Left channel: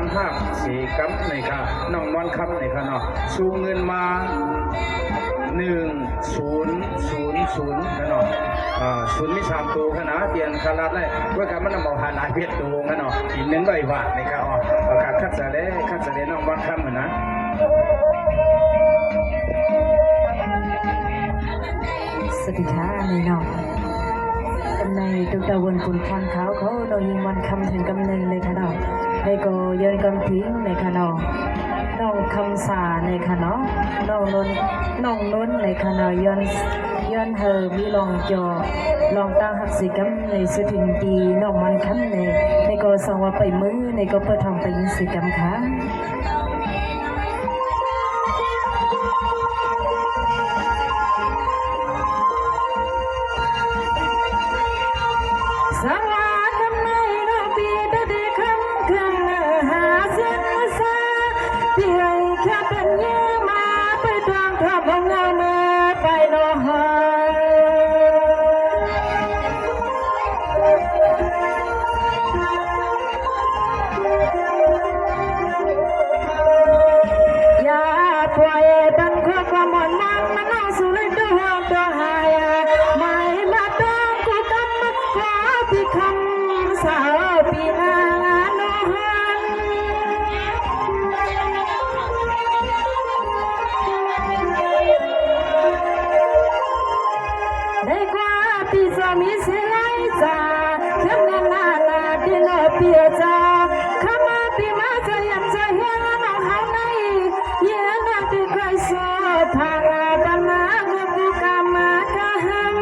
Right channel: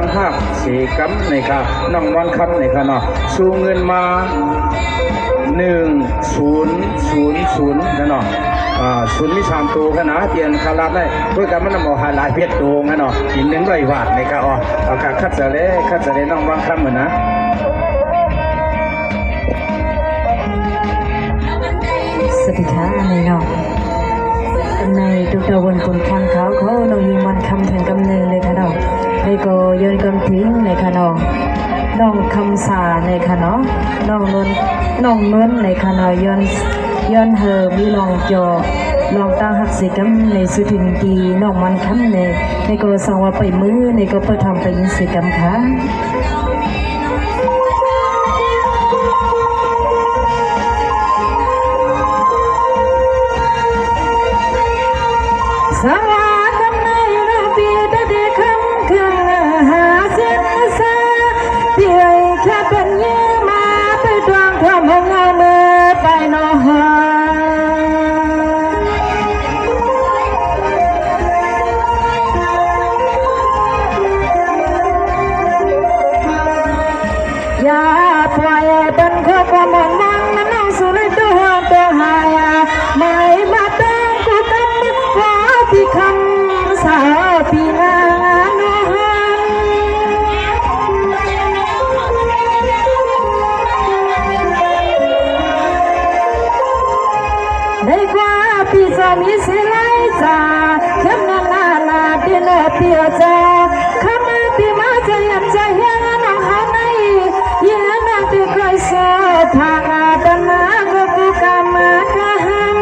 งหักเสกัมในค่ะน้องนอนคำในค่ะเนาะสูเงินมา1000นะเนาะศูนย์มี3ตัวกันนะเตียนคาราดได้ด้วยกันมันบอกหาหลายเพียรตัวนะเนาะอีก100 บาทในค่ะเอาค่ะคัดเสร็จน้องบางคำเหมือนนะสวัสดีค่ะในน้องในทุกตะวันตกทางเขาน้องยิงมันคำแทนกำเนิดเลยค่ะน้องในก็ย้อนกำทิ้งในค่ะน้องคำสาในค่ะน้องน้องนนในค่ะน้องย้อนเฮอมีลองจอลองตั้งหักสิกรรมในสุดินดีน้องมันคำในก็สั่งว่าไปมือในก็เปิดทำไปยินสิกรรมค่ะสวัสดีนะพี่ตาเด็กคำคืนหาเสียงสาพี่ไอ้แค่เป็นยิ่งมาไปดวงทำให้เงาเมื่อไปนอนหายาปล่อยเป็นข้อความอ่อนวังนั้นเอาสู่ในตัวหายไม่มาตั้งกูกำมือขวาที่คำสาวพี่นางนวลได้กว่าพี่สามีสิไลจ่าเข้มนาลาดินเปียจ่าข้ามาพี่มาจะยันใจเฮียน้องหาในเฮียน้องที่ใครเสียทางดันมาก็กูกามากะหัน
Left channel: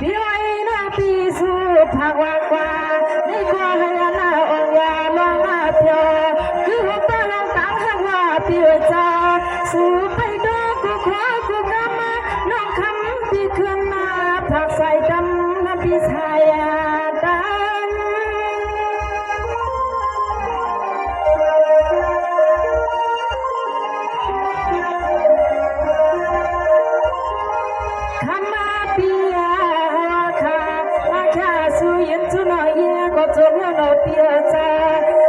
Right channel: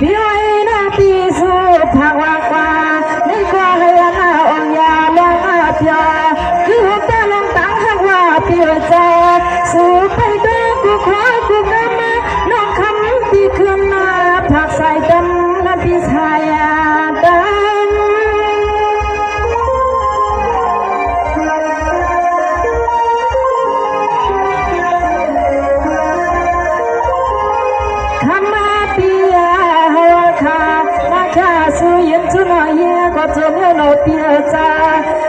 พี่ไว้นะพี่สู้ทางว่ากว่าในความเฮียน้าองยาลงอาเปียคือหัวตาลงตั้งหักว่าเปียจ่าสู้ไปด้วยกูขวากูกามน้องคำที่ขึ้นมาผักใส่ดำน้ำพี่ชายดำคำมาเปียหัวขามาแค่สู้ยันจุนอยเยก็จะเนื้อหนอเปียจ่า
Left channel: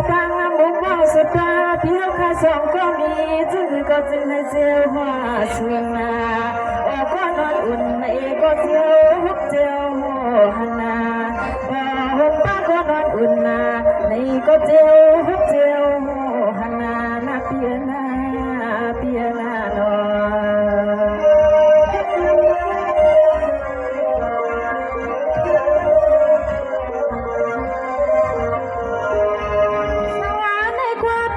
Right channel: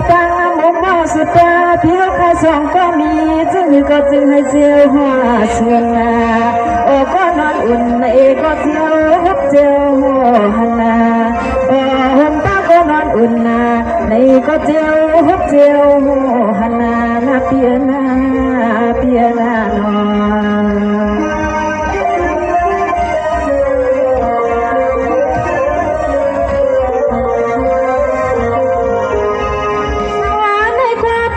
ตั้งมุกว่าสุดตาเพียวแค่สองก็มีจึงก็จึงให้เสียหัวเชื่อโอ้ก็นอนอุ่นเอก็เจียวฮับเจียวหันนาหุ่นตาก็นอนอุ่นในก็เจียวฮับเจียวหันนาเปียนาโน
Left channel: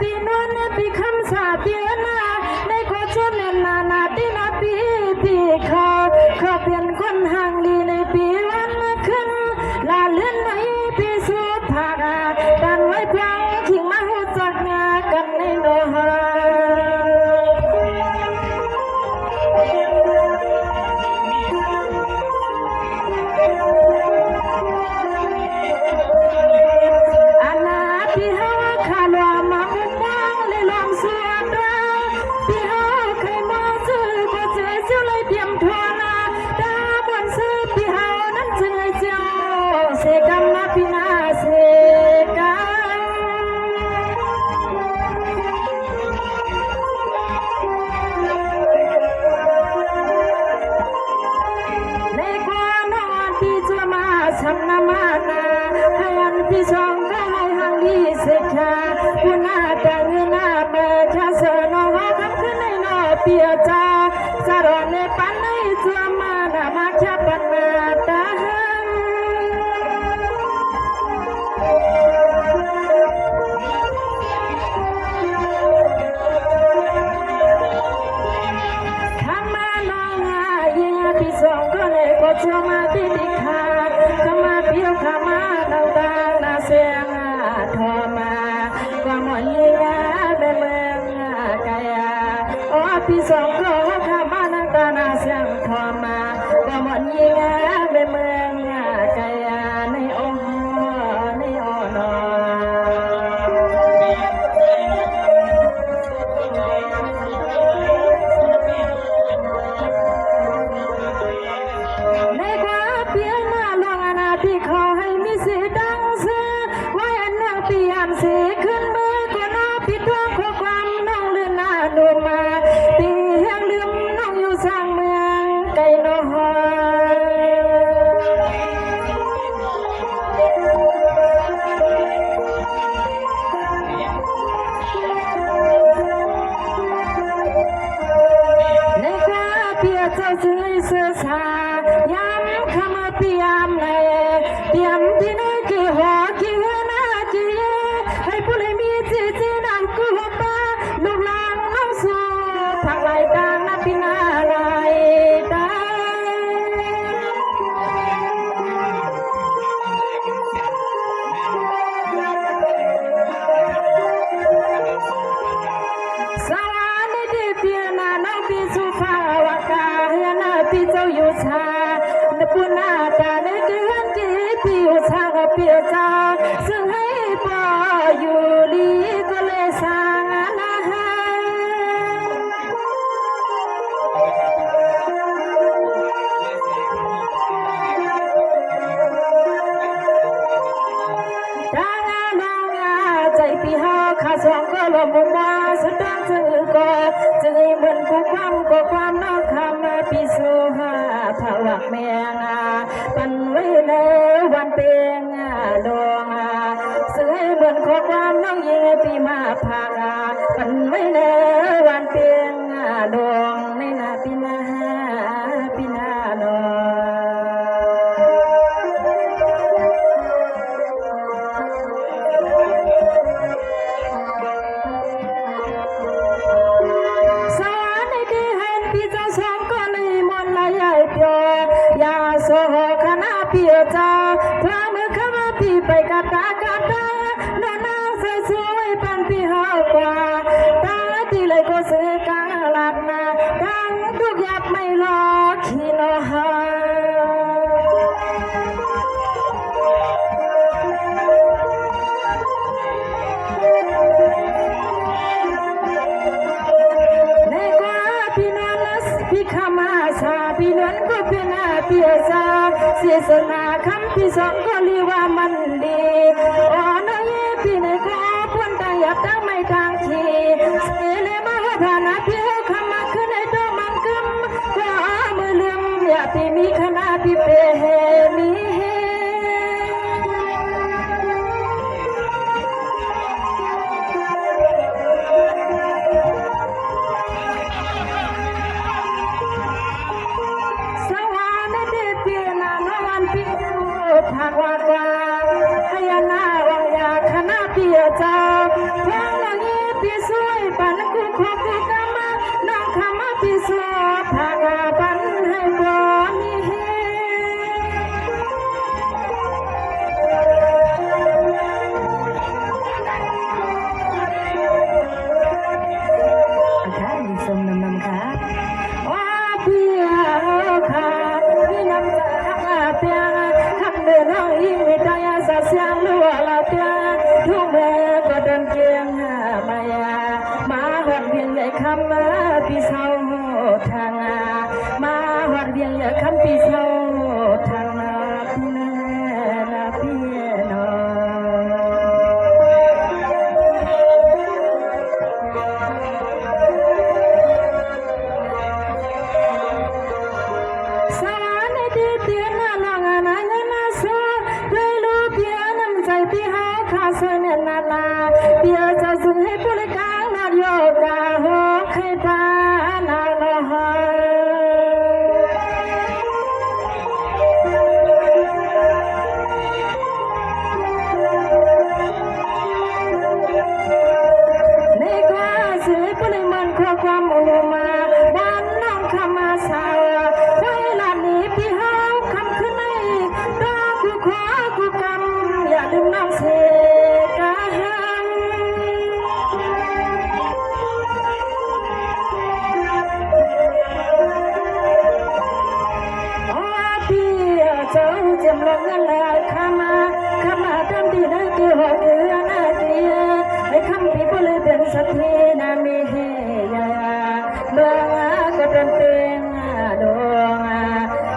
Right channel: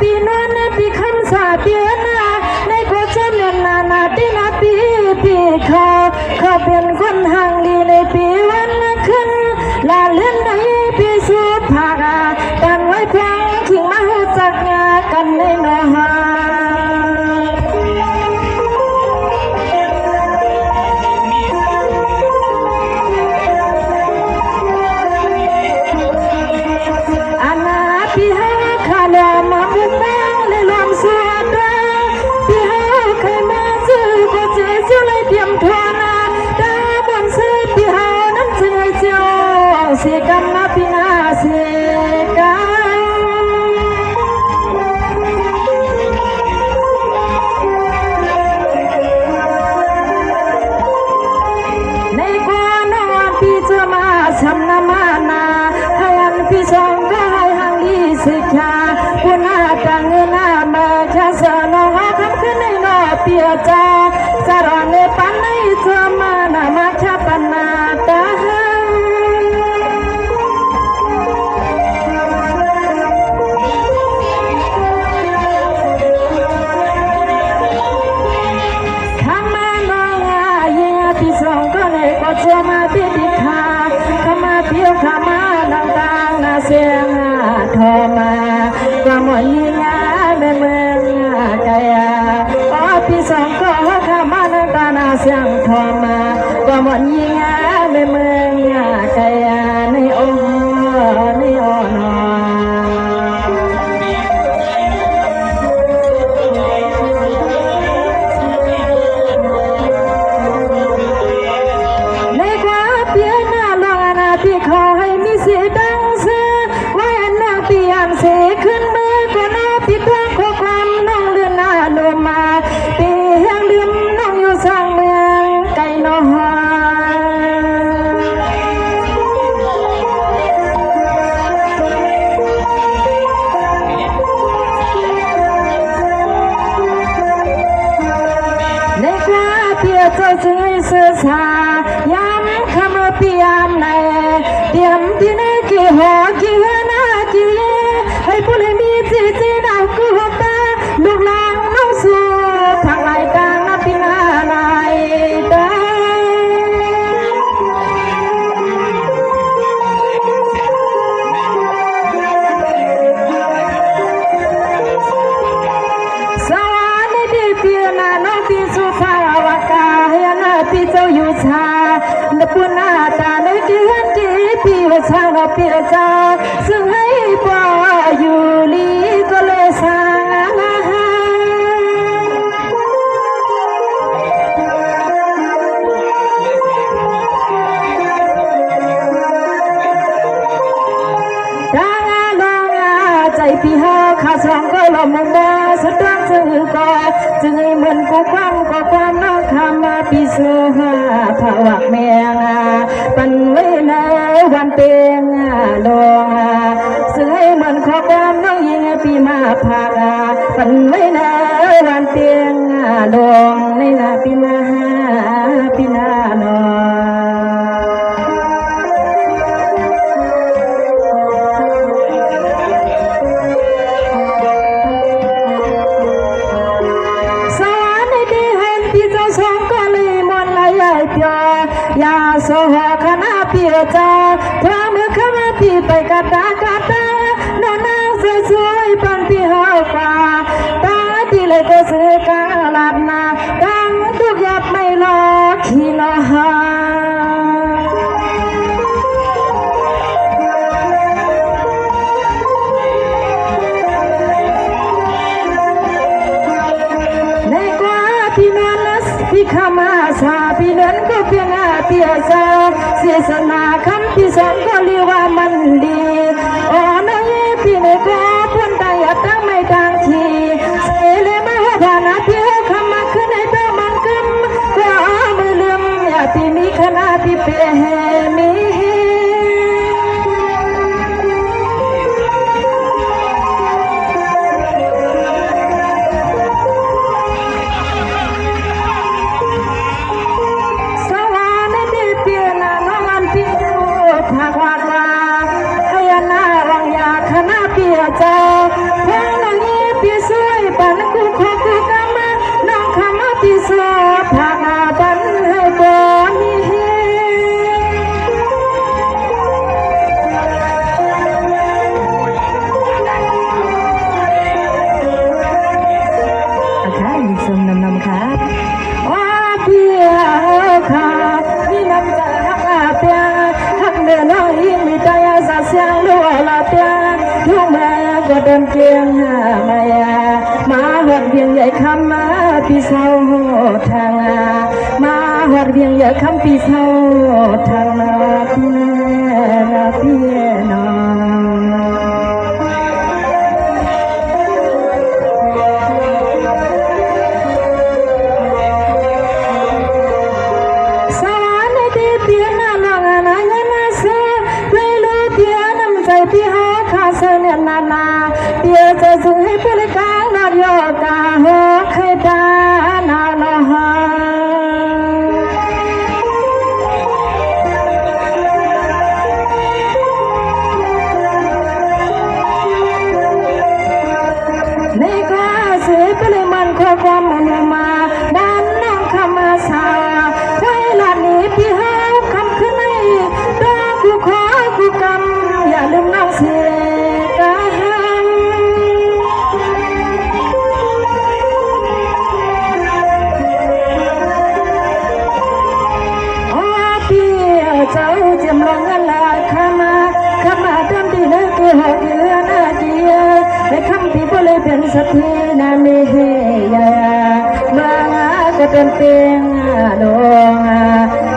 พี่นอนในพี่คำสาเปียนาในก็จะเรียนนาที่นาพี่เขาเป็นคนห่างดีในปีวันขึ้นลาเล่นในพี่สุดภาคกันไว้เพียงขิงมาจากงากันในโนหาอาณาพี่หาขาลามาบุกดังเลยลมสวดพี่หาใครมาซื้อก็เจ๊ซื้อเลยเตรียมทวนาตาบนซื้อพี่หาน้ำจึงให้เจียวเสกันมาพี่นาเสกันในกวนวันพี่จะมาทำน้ำมานาให้อันพี่สองก็ให้หังดีเสกาคุณอาตังเงินมาแค่เสนองคำขึ้นในนอเปียจ่าสารวันในปันในจะมานามาแค่ปันนาตาคำมาน้องเยี่ยพี่สองก็เลยก็จะมาพี่ดิคาคำมาเพียวคำมาน้องตานาเสียงทอมาก็หมดยิ่งแม่เมืองกายพี่สองก็คำมาน้องตานาเสียงทอมาก็หมดยิ่งแม่เมืองกายในองในอนอ น จึงให้เสือสายำคำเปียมในเตรียมที่ไหนกี่หัวกี่หน้ากี่ให้ผู้เลยมีจีนเอากูหัวตาลูกหลานน้องสู่ทางไหลกลางนับปีนาไหลได้ สวรรค์ดีเปียนาน้องปีสุภาวกาเฮียนาปีเจ้าอยู่ชานปุนาตาในเดือนกี่ปีว่าชาเราเปียจ้าซึ่งให้ปออยู่ลีก็เลยสร้างดังลงใจปีหาข้าสองก็ลมมุมสุดดังจึงก็จึงให้เหมือนกูความน้องคำมาปีเสือหาผาวักแมงปันไว้ในวันเป็นลงซึ่งให้เหมือนข้อความน้องยิงปีมาผาปันไว้ในวันเป็นลงในนาปีนาปีนาลงยาโซฮอคณะเปียจาพระมือขมาปีไปกาตนานาสวยปันปีหากว่าตาตีเลยก็เสกาลาดนาดังทุกยับไม่ลาขีนาหาในกว่าพี่นันพี่ขมาสาพี่นันก็เพียงเปียซาเสียสนาคำพี่สอนก็เรียกว่ามันดีอ๋อนายพี่ในก็พ้นตายตั้งไม่ตั้งทีเสเลมาฐานะพี่คำมาขึ้นในตัวมันกึมก็มือเลื่อมอย่าพี่มีคณะพี่เปเฮมีภาควากาให้นารังยาคณะเปียจาพระนางปีสวยปันกุโคกุกามาน้องคำปีสวยภาคาปันให้ก่อนนี้ค่ะมีสมนำค่ะว่าเปียค่ะมีน้ำใจฮักเปียเดินน้องยิ่งมีใจสัเสียงรัวลาเตียทุ่งแม่ก็เดินเกียงมายามาหัดเวียงใหญ่คำมาปีเศร้าทางมาหัดเวียงใหญ่คำปีเศร้าทางนาพี่น้องสารในที่เปียนาลองนาเงินไม่รู้เปียน้ำใจพี่หาข้าเสนอนาเปียจะซึ่งให้ผู้เลยกลางนาโยกาหัวใครตานาโนฮาในกว่าเสียผู้เลยมันข้อความมันมาด้านน้องคำมาสาวใช่หลานนี้พี่หาคำขึ้นในดากูขอกูกำอย่าลืมน้องเสียกันอ๋อพี่เจ้าเจียมลงเงินลายขมาเติมที่นึกที่หอกเรือหน้าเกียในคำพี่ก็เลยเป็นสัตย์นามีเฮียเมื่อก็เป็นเพียงดวง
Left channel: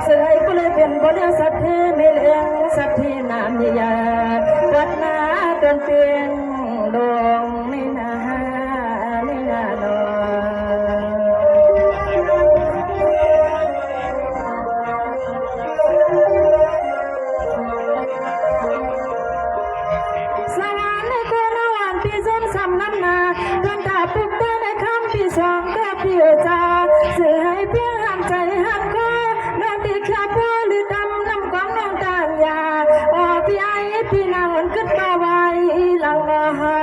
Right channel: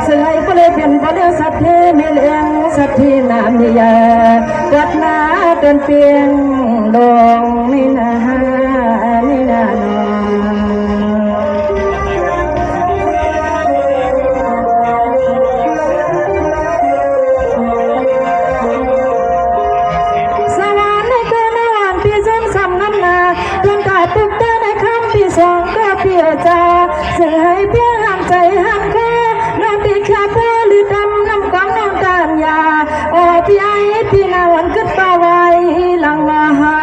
สลายก็เลยเป็นพอเดียวสัตย์ไม่เลี้ยงสัตย์นามียากัดนาเป็นเพียงดวงไม่นาโนสวรรค์ในกวนวันพี่จนสำน้ำนาจนกาตุกเตในคำพี่สองก็เปียจาเสียให้เปีย ห้ามใจห้ามคอน้องตีขาบัวหรือดำน้ำก้อนน้องตามยาโอ้พี่ไอ้พี่นางวันขึ้นป่าไว้หลังมาหา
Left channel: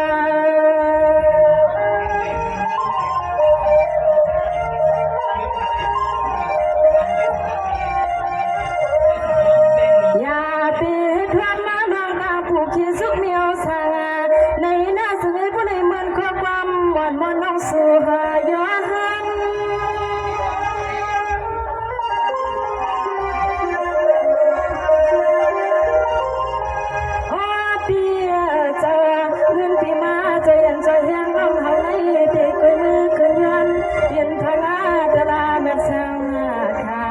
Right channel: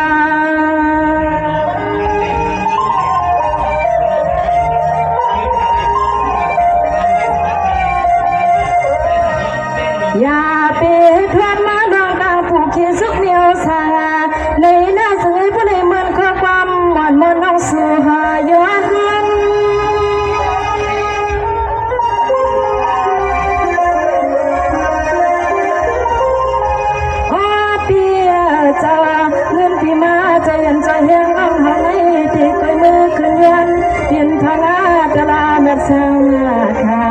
อย่าไปทวนมาดองดังผูกขีดสุกเหนียวสาในหน้าสวยผู้ในเมืองข้อความหวานมนน้องสู่หายหันโอ้เปียจ้าเงินพี่มาใจยันใจแห้งน้องหายตีก้อยมือขึ้นยันเปลี่ยนพลาตลาแม่เสียงคา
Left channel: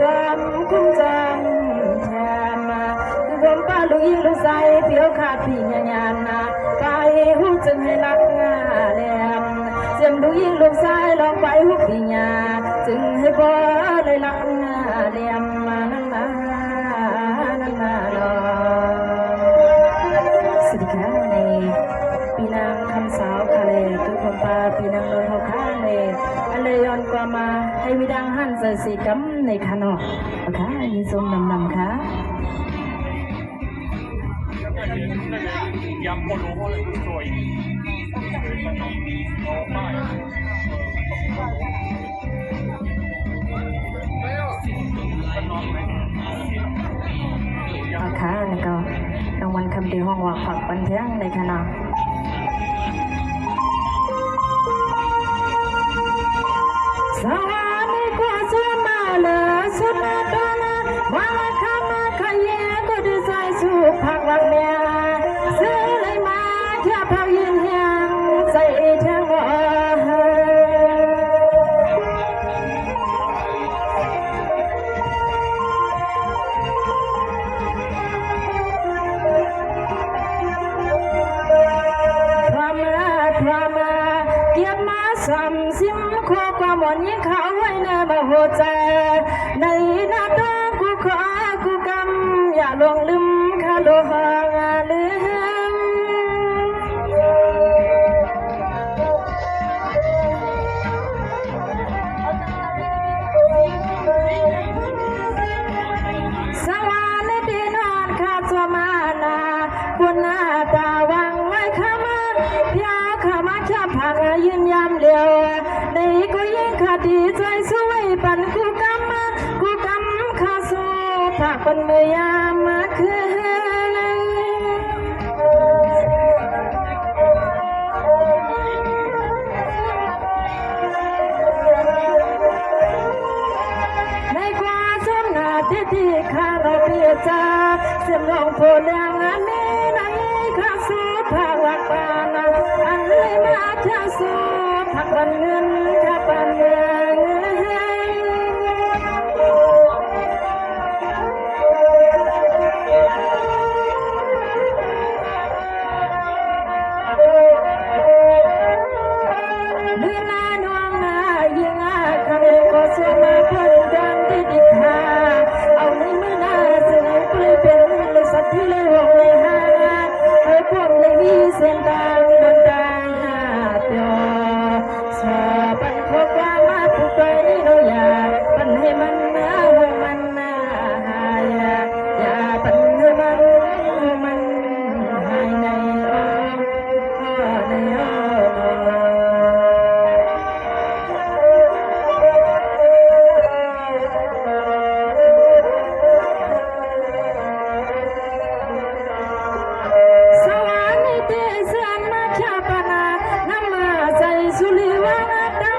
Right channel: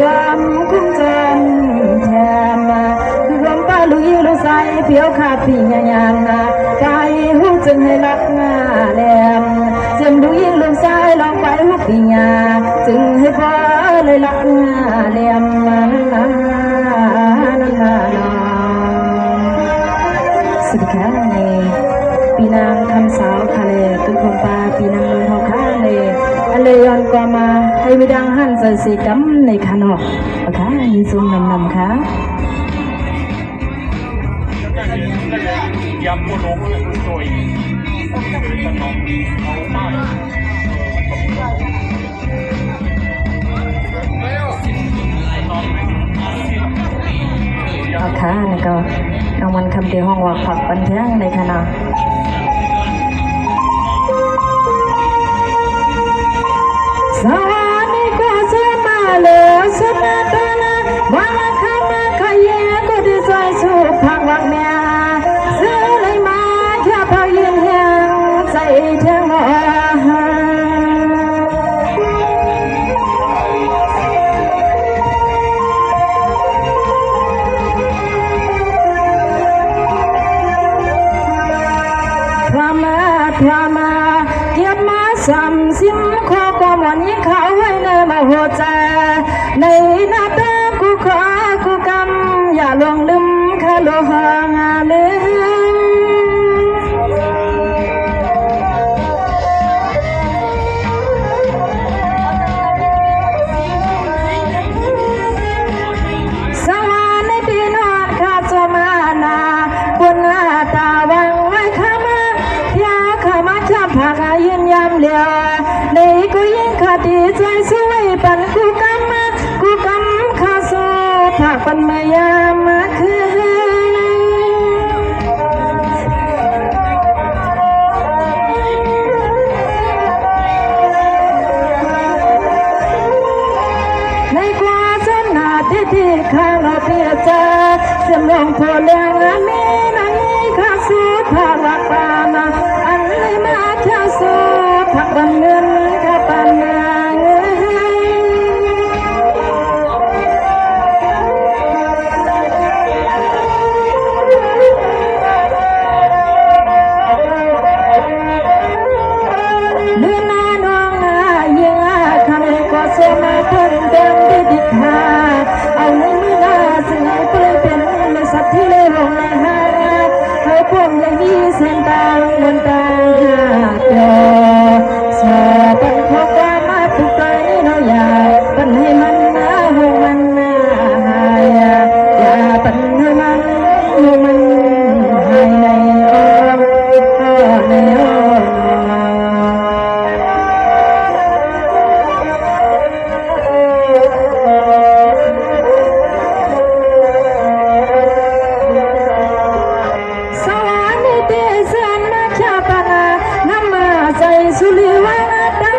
จำคุ้มจำแทนมาคือรวมป้าลุยลุใสเพียวขาปีญาญาณใจหูจึงให้รักงาแหลมเสียมลุยลุใสลองไปหูปีญาจึงให้พอเลยรักงาแหลมสวัสดีค่ะในปีนางคำสาวทะเลตุ้งคงปลาปีนางเมืองเขาข้าเลยอันเลยย้อนกว่ามาให้วิดังหันใส่สีกำในขนมค่ะยินซุ่มนำค่ะ ยำโคโลโดย ค่ะนี่ก็รางวัลคำเดียวห้องว่าผักบันเทิงในคณะสวัสดีก็เชื่อมาเลยสุดมาตนะวันละคำมาขยี้ก็ดีใจสู้ผักหลักเมียซื้อเลยมาแค่พายินยังใจเธอว่าพามาเก็บมาซ้ำซิมขอความหวานยิ่งเขาไว้ในมาหัวใจในหน้าตากูขอกูกำอย่าลงลืมคาโลหางาลืมสวรรค์ในที่นอนข้าจะมานาบนหน้าตาวังไม่ข้ามาข้ามาจับผักยืนยามเหลียวในก็ยิ่งขาดีใจสวยปันกูกำข้าสู้ผักปันเมื่อยามมาคืนในกว่าจนหน้าที่ข้างเพียเจอเสียงร้องโผล่แดงนี้ในข้าสู้ผักหลักปานาอันเลยมาข้าสู้ผักบังเงินข้าปันนาเงินเนื้อหน้าน้องนายังข้าไม่ขอสู้มาเพิ่มเติมดิบหาอันนี้มือหน้าสิ่งไหนเปลี่ยนเป็นเลยสัตว์ที่เลวในหาให้พวกเลยมีเสียงดังเหมือนตาหาเดียวสอปันพกว่ามาทุกไปน้องอย่าปันให้มันนะหูมันนะหายอย่าปันให้มันหูมันหายในในสวรรค์ในเดชมาแค่ปานานำมาใจสุริวาดัง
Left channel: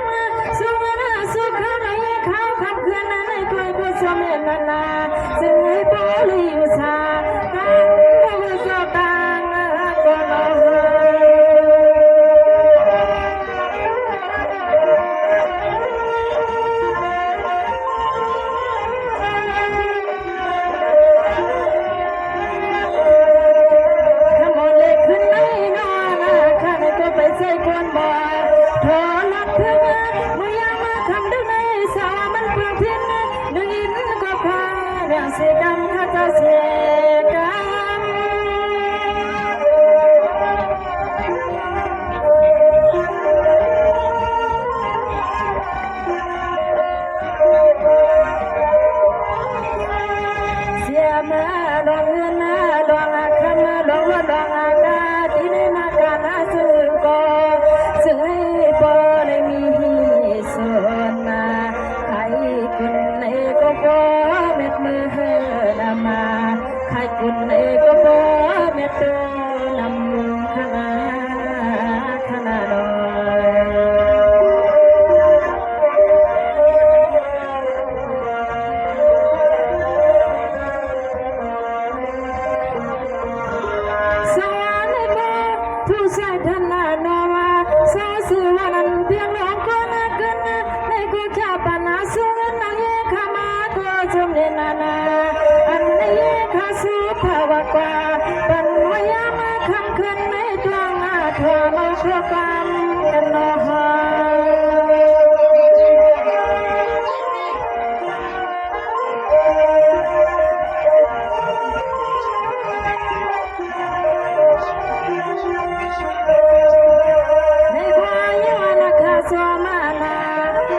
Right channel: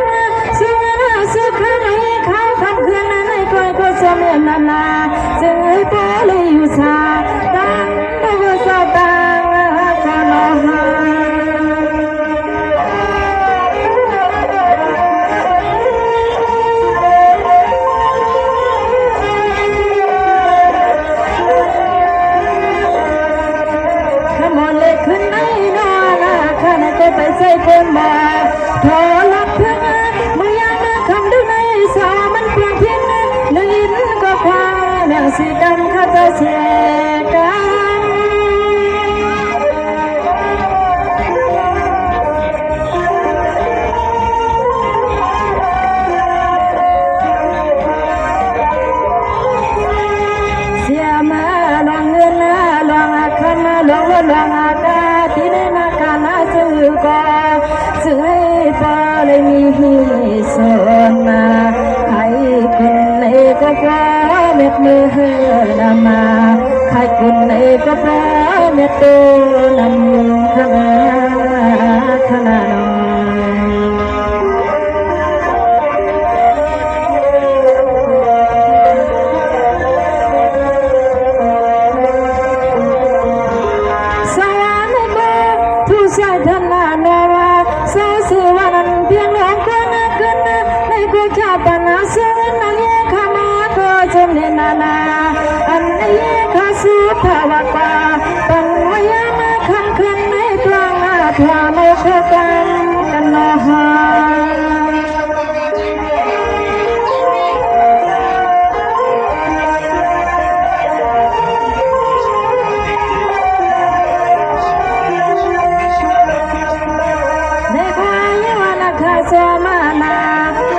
สุราสุขในเขาคำเคืนในกลก็สมเนานาจึงให้ปลีอยู่ชาดังก็สาวดังก็นอขมอนเล็กขึ้นในนอนาข้าก็ไปใส่คนมาพอรับเพื่อเมื่อยามคำดึงในสามันเพียงเพียงนึกอินก็ฟัง มือนำมาใครกุนในก็พระเมตโตนำขณะน้อยสวรรค์ก็ทุกสายธนาโนวาสาวสิวันเพียงหลงกันในกุจาปนาสุนัยขมาก็จมเนนานาอันนี้ข้าสุภาวะปาปัญญาขันขึ้นในกลางอาถรรพ์โลกกรรมกันนะฮะในควายวันข้าสมานา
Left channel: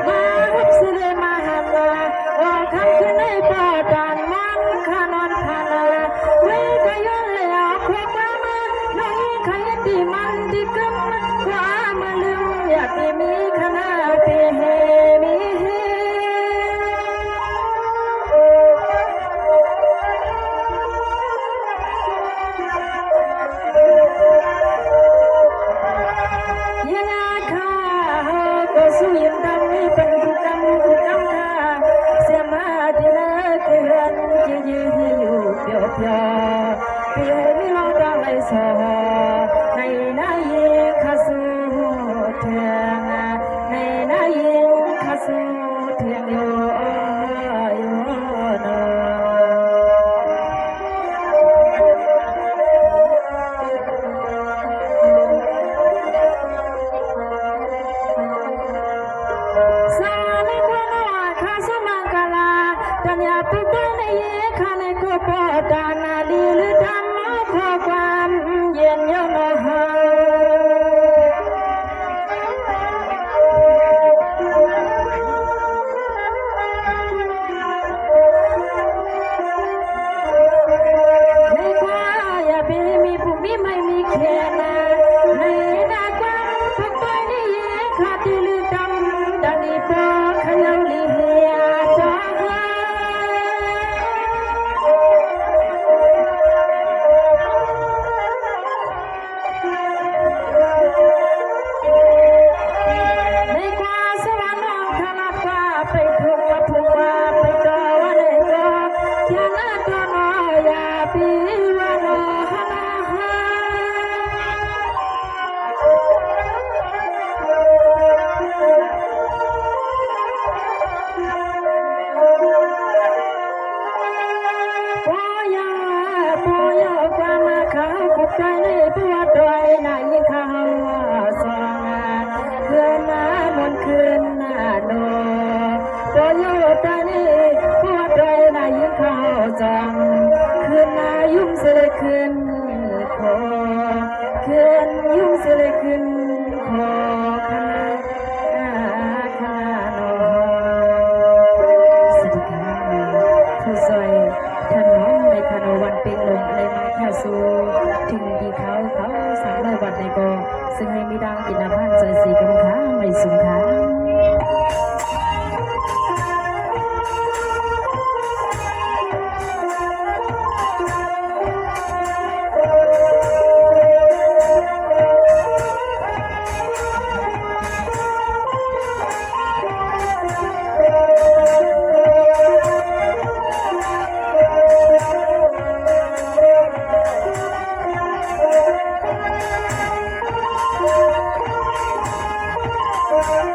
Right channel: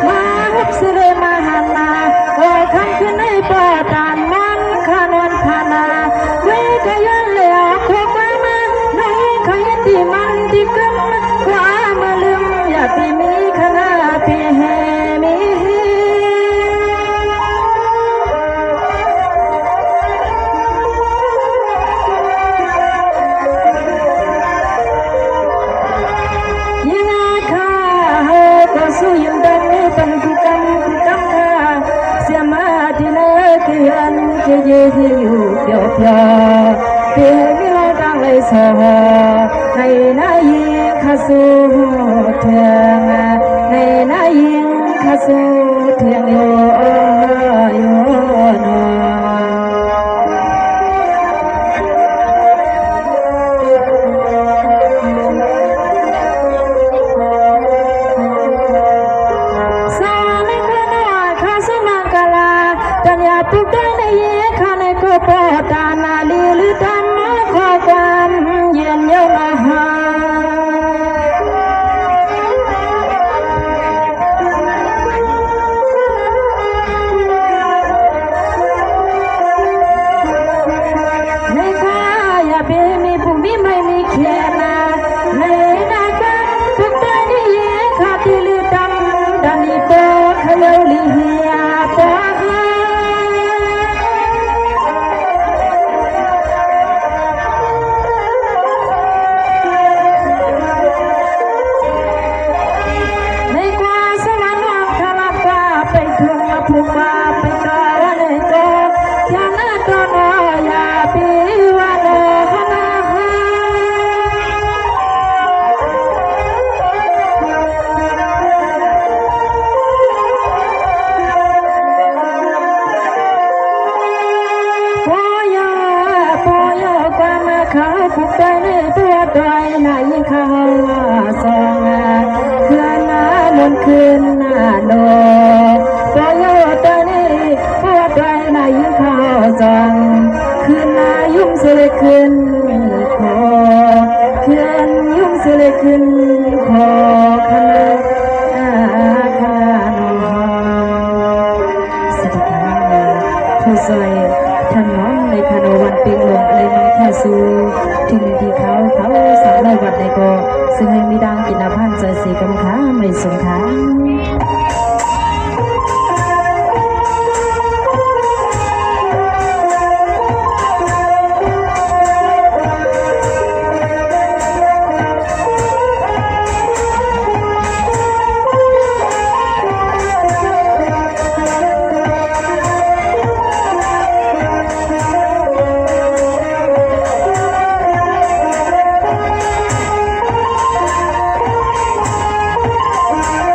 มาหุบสิเลมาหันนาโอ้ขันขึ้นในปอดานมันขานวนพานาเวกยันเลี้ยขบมาน้อยขยันที่มันที่กึมกว่ามาลืมอยากที่มีขนาเพียมี ยังไงข้าก็สู้ยังดำไม่ต้องกูกำข้าเสียมาที่ไหนที่รันจะยืนอยู่เพียวเพียวเพียงมีเราดังเลยสอในนายิงข้าสู้เทียงในนายิงข้าสู้เทียงโยโน สานกนาข้าสมังกลาตัญญาตุกได้ในเยข้าในก็ปอตานาลีลิธรรมขอความเย็นเยามาหาในควายเปมีผู้มีไม่มีเขียนาในนาจังทุกได้ในเยข้าที่ลิธรรมดานิโปขยาลิเฮียปะฮาในกว่าสวรรค์น้องขลับว่าไปทั่วผู้มาไปก่อนในก็ยานาตโนยาปีวาโนฮนาฮา ปอยปอยกันข้าวผู้ใจในตัวใจนายข้าวสองเพื่อนมันคืนหน้าโนปอยตัวนี้ตัวใจนายข้าวจังคืนนายุ่งเสลคืนคอคืนยุ่งเสลคืนคอขนาโนสวัสดีค่ะผู้ซอยท่านน้องในคานวันเป็นลงในมือแค่สูถึงที่เขาสามร้อยวัดในก็ซึ่งให้มีดังกินน้ำพันใจสีกำค้าไม่สงทาง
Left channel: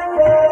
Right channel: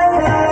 Thank you.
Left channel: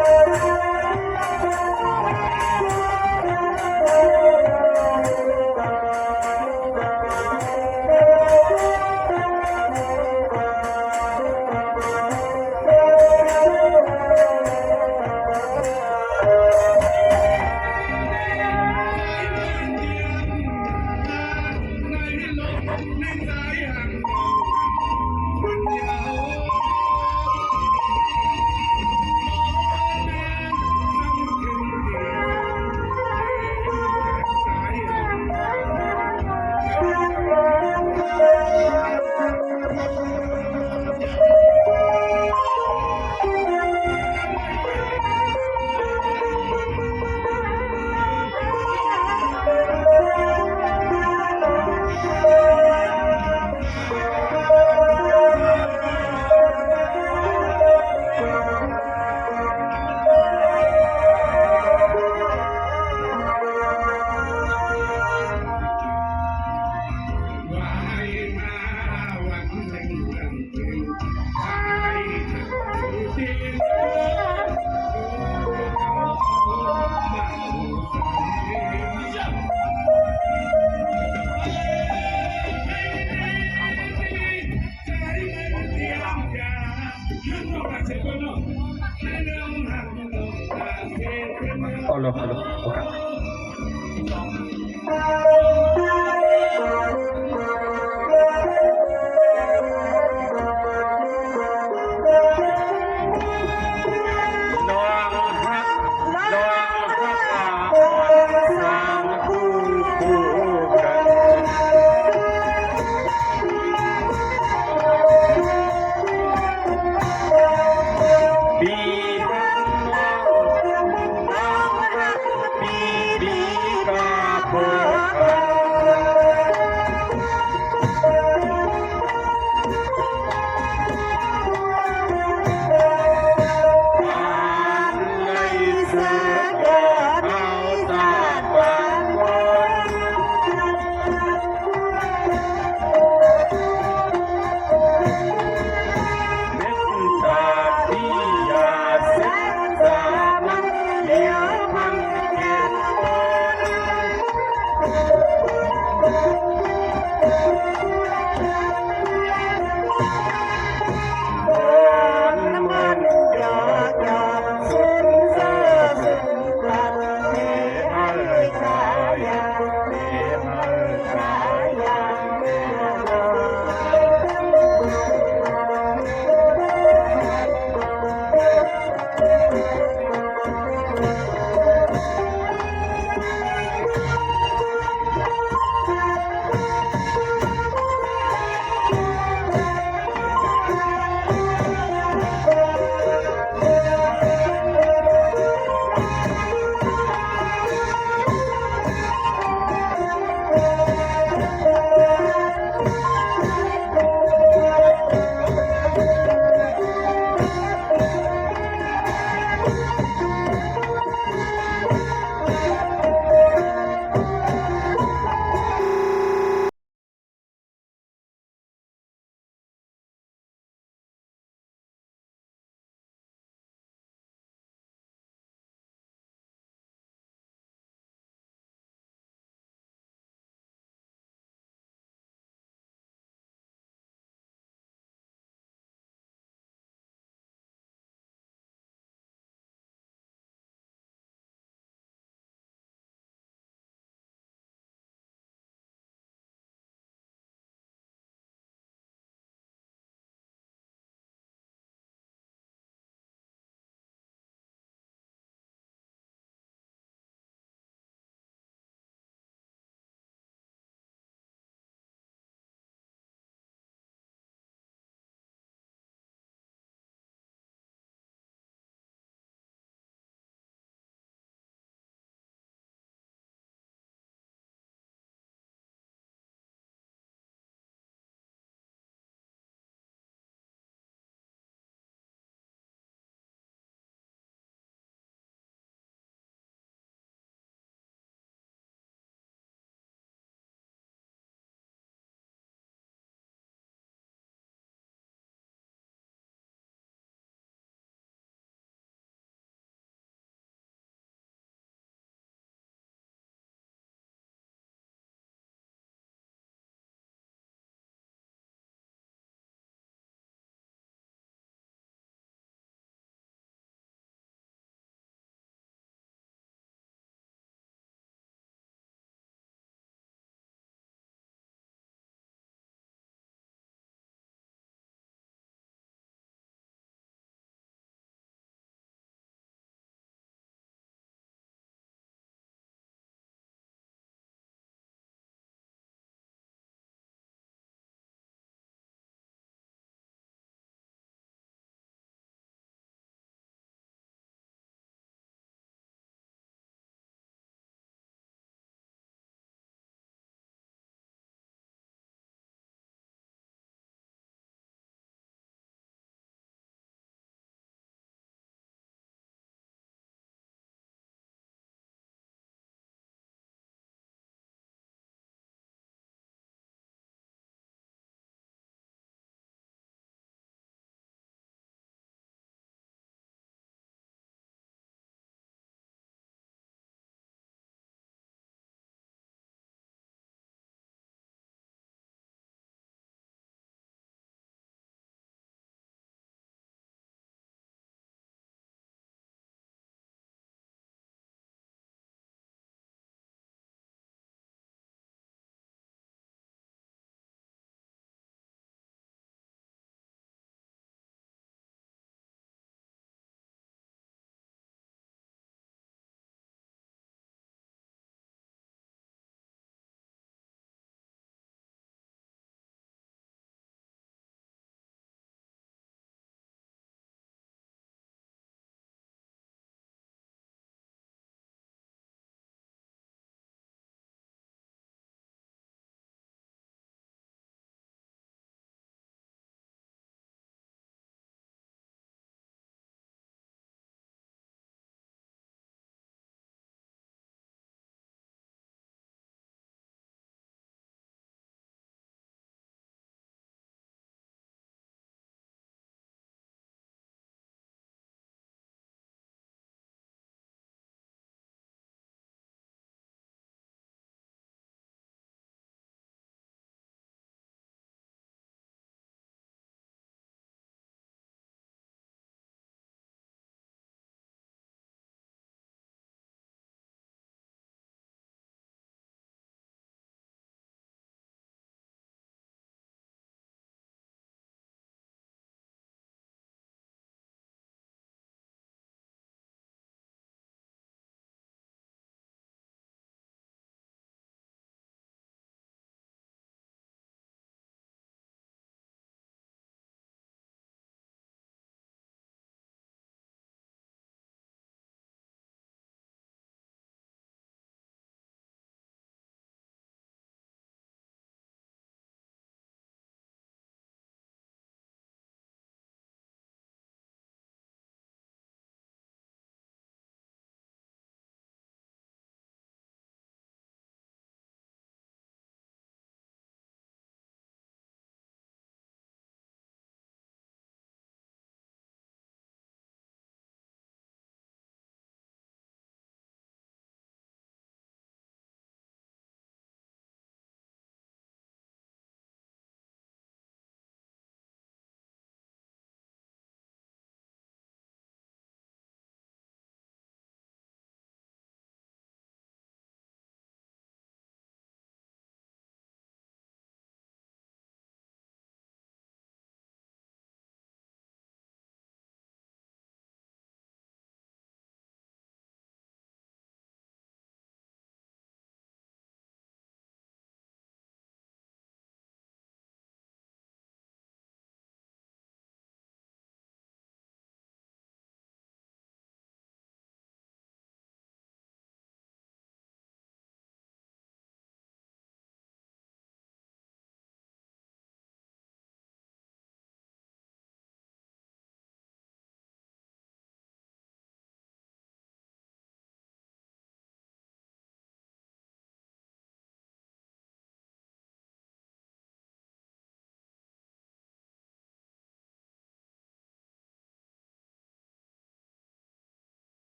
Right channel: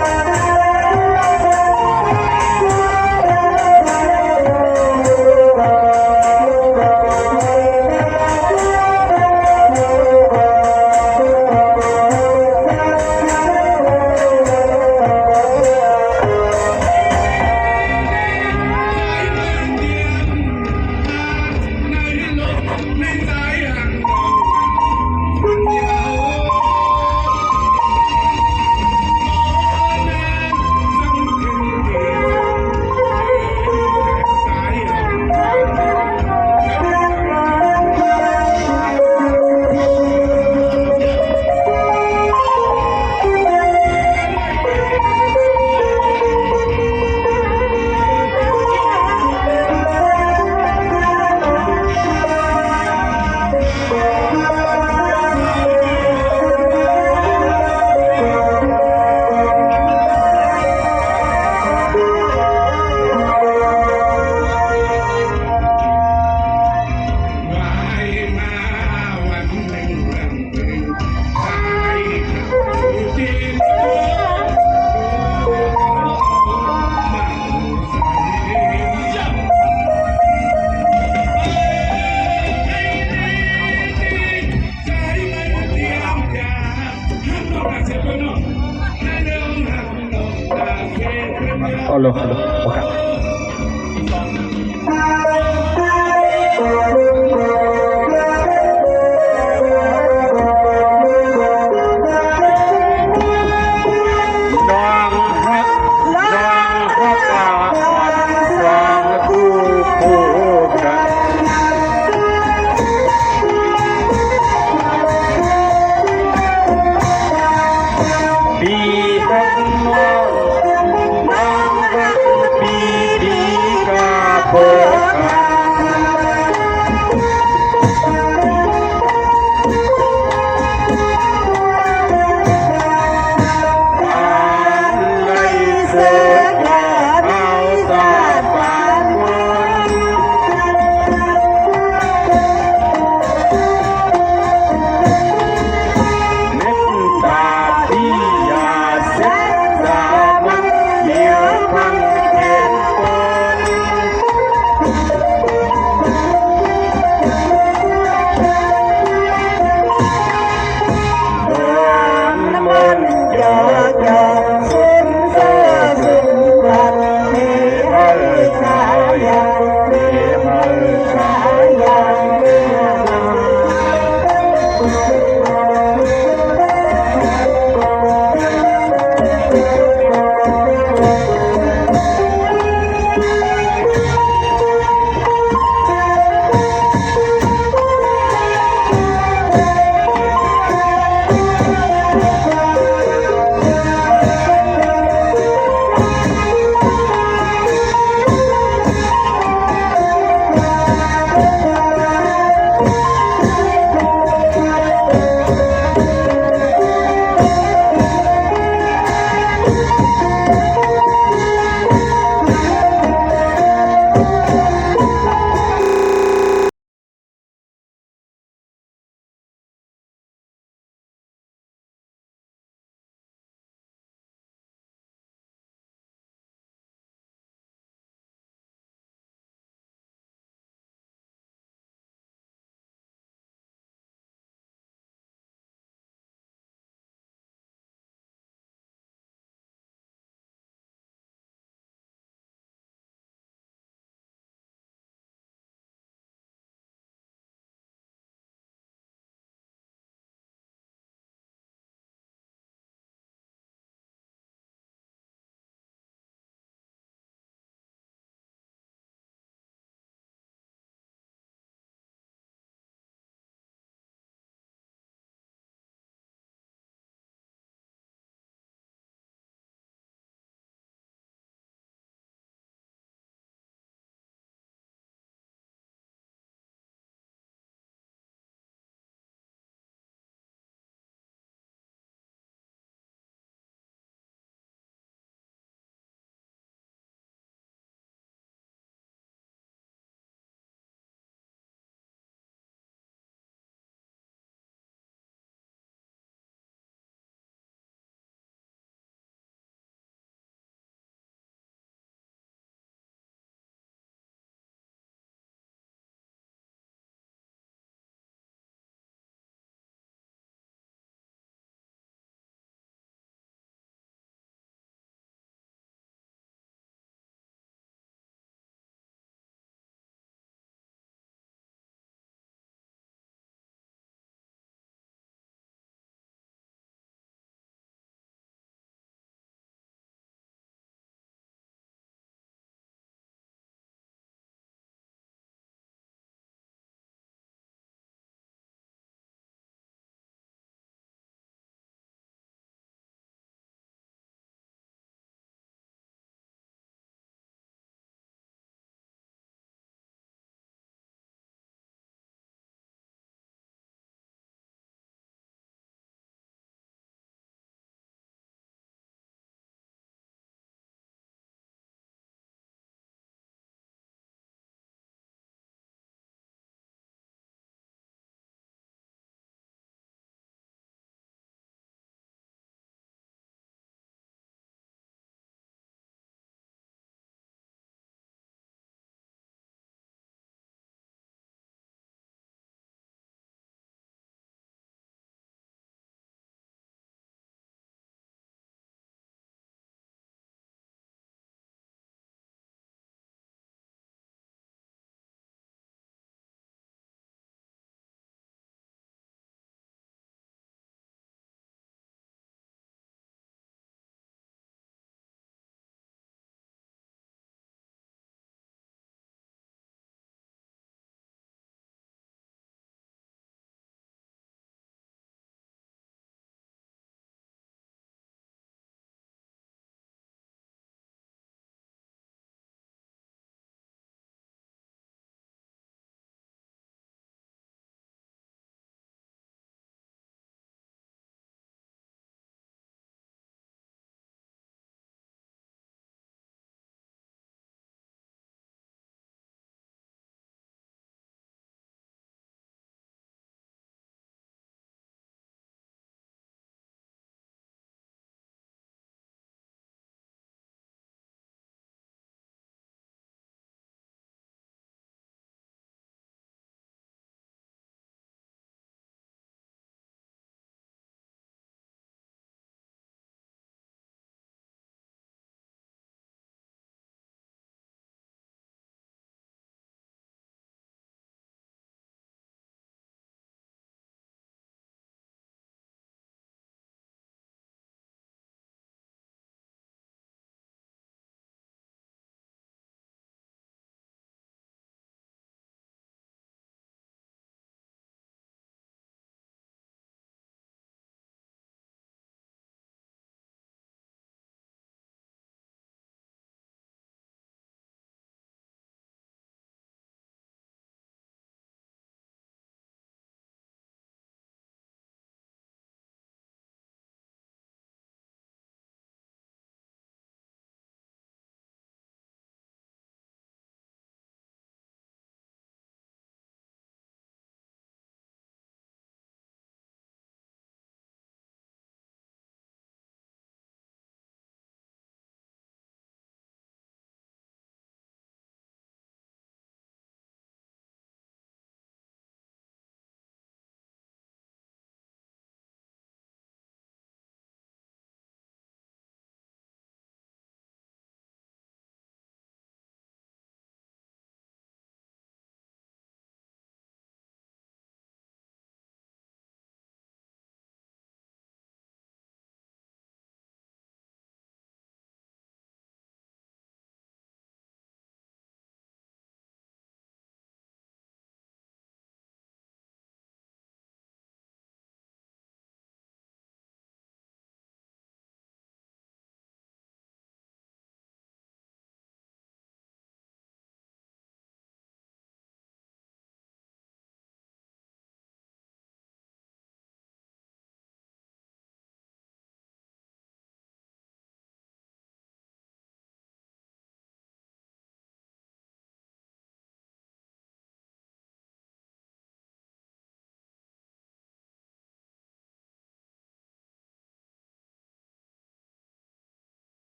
ลฮัลโหลโอเคปีบักน้องน้องบักปีดีกาโป